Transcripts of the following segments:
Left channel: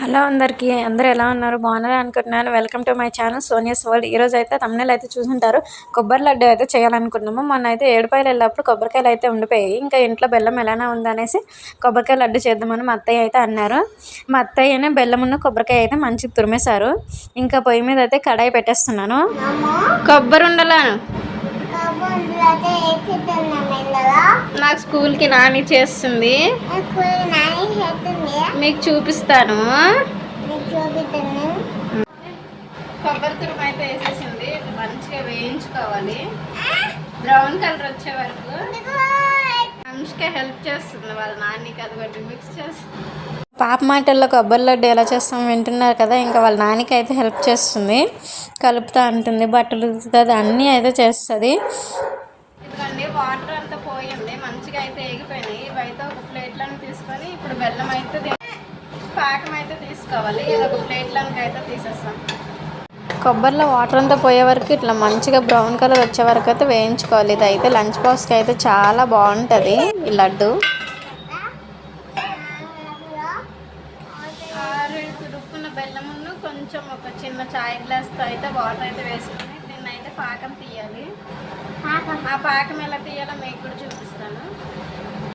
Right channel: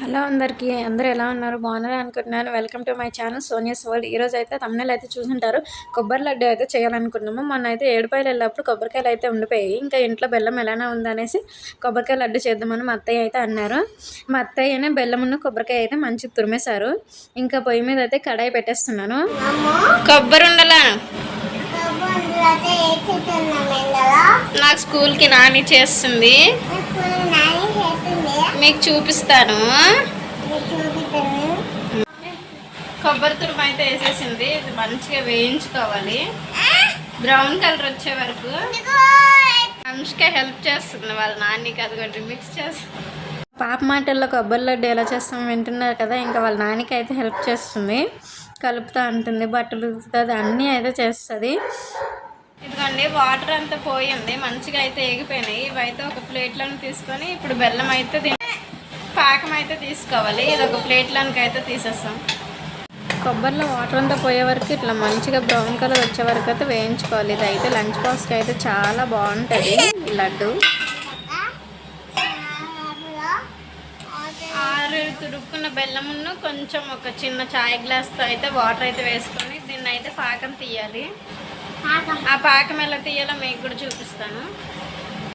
Hello అందరికీ అందరూ ఎలా ఉన్నారు? బాగున్నారా అనుకుంటున్నాను. Welcome to my channel Sonia's world. ఈరోజు అయితే తమ్ముళ్ళు అయితే చూసుంటారు. కొబ్బరి లడ్డు అయితే చేయాలనుకున్నాము. మొన్న అయితే ఏడుపాయలు వెళ్ళినప్పుడు కొబ్బరికాయలు అయితే ఉండిపోయాయి. ఇంకా ఇంట్లో బెల్లం ఎలానే ఉందనేసి కొబ్బరికాయ లడ్డు చేద్దామని మా అత్తయ్య అయితే అన్నారు. మా అత్తయ్యనే బెల్లమున్న కొబ్బరికాయ అయితే మంచిగా తురిమేశారు. ఇంకా పొయ్యి మీద అయితే కడాయి పెట్టేస్తున్నాను. కొబ్బరి ఉండలాను నాకు స్కూల్కి నాని చేస్తుంది. మీకు చూపిస్తాను. కొబ్బరి తురుము అయితే వేసేసింది. ఇది మంచిగా వేయించుకోవాలి బ్రౌన్ కలర్ వచ్చే వరకు. అనుష్క హెల్ప్ చేస్తుంది వాళ్ళ నాన్నకి. అదిగోండి మిక్స్ చేస్తుంది. పాప మాటల్లో కొబ్బరి లడ్డు ఎలా చేస్తాం వింటున్నారు కదా. ఇంకా వాళ్ళ నాన్నకి అయితే హెల్ప్ చేస్తుంది. కలుపుతూ ఉంటుంది, బట్టలు ఉతుకుతుంది, అన్నీ అయితే చేస్తుంది. ఇదిగోండి వాటర్ అంతా పోయింది, మంచిగా అయితే ఎగిపోయినాయి. ఇవైతే ఒక ప్లేట్లను తీసుకొని ఇప్పుడు బెల్లం అయితే పాకం అయితే తీసుకోవాలి. ఇది ఒక ప్లేట్లోకి అయితే తీసేస్తాం. కొబ్బరిలో వాటర్ అంతా పోయే వరకు ఇట్లా మంచిగా బ్రౌన్ కలర్ వచ్చే వరకు అయితే వేయించుకోవాలి. ఇది అయితే లంచ్ బాక్స్కి అయితే చాలా బాగుంటుంది ఈ లడ్డు. తురుక్కున్న బెల్లమును కొంచెం ఒక చిన్న చాయ్ గ్లాస్తో అయితే వాటర్ అయితే వేసుకొని దీన్ని అయితే పాకం తీయాలి. ఆ పాకం ఎలా తీయాలో మీకు కూడా చూపిస్తాను.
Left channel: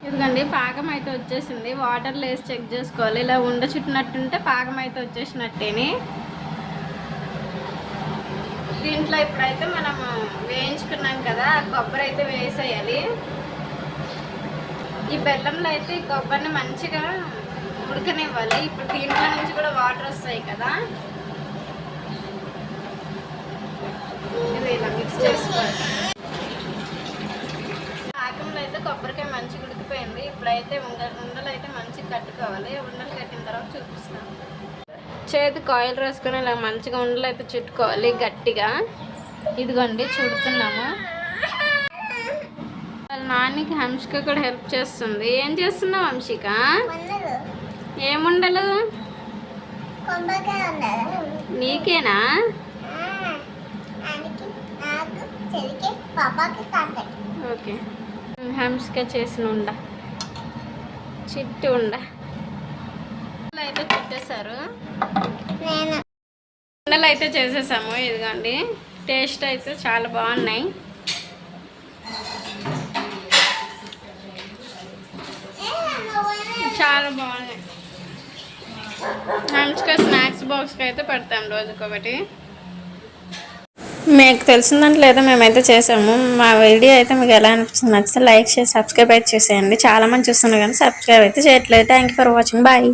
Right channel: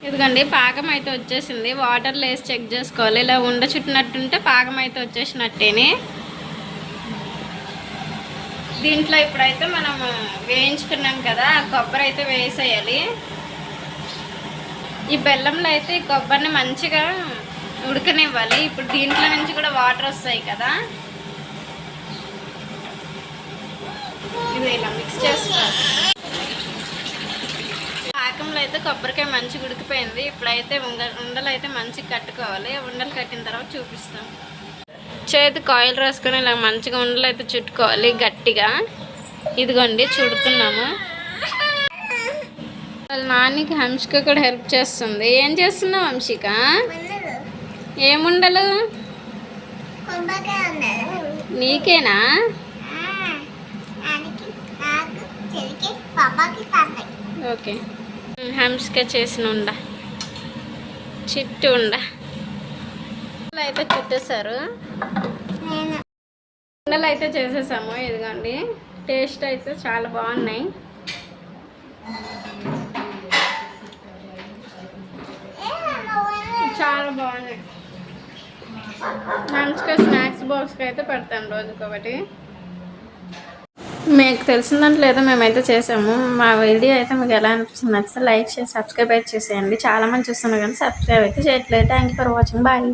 ఇదిగోండి పాకం అయితే వచ్చేసింది. వాటర్లో వేసి చెక్ చేసుకోవాలి. ఇలా ఉండ చుట్టినట్టుంటే పాకం అయితే వచ్చేసినట్టేని. దీంట్లో ఇప్పుడైతే మనం వేయించుకున్నాం కదా, ఆ కొబ్బరి అయితే వేసేయాలి. ఈ బెల్లంలో అయితే ఈ కొబ్బరిని మంచిగా ఉడకనివ్వాలి. ఇప్పుడు దీంట్లో నుంచి కూడా వాటర్ వస్తాయి కదా, ఇది ఇలా మిక్స్ చేసుకోవాలి. పాకంలో అయితే కొబ్బరికాయ మంచిగా ఉడికిపోయింది. ఇప్పుడైతే ఉండలు అయితే మంచిగా కట్టుకోవాలి. ఉండలు కట్టిన తర్వాత చూపిస్తాం. చేతికి ఆయిల్ రాసుకొని ఇలా మంచిగా ఉండలు అయితే చుట్టుకోవాలి గట్టిగా. ఇదిగోండి చుడుతున్నాము. వాళ్ళ నాన్నకి హంసిక కూడా హెల్ప్ చేస్తుంది. ఏం చేస్తున్నావు హంసిక? ఏముండలు నీకేనా? ఓకే. హంసిక చేసిన ఉండ చిట్టు ఉండ అయితే చుట్టేశారు. ఉండలు అయితే చేసేసాము. ఇదిగోండి టేస్ట్ అయితే చాలా బాగున్నాయి. చాలా బాగున్నాయి. హంసిక స్నాక్స్ బాక్స్కి అయితే పెడతాం రోజుకొకటి. మీకు తెలిసిన దాంట్లో ఏదో మేమైతే చేసాము. మా వీడియో అయితే మీకు ఎలా అనిపిస్తుంది, నచ్చితే లైక్ చేసి సబ్స్క్రైబ్ అయితే చేసేయండి. చాలామంది చూస్తున్నారు కానీ సబ్స్క్రైబ్ అయితే చేయట్లేదు. Thank you for watching. Bye.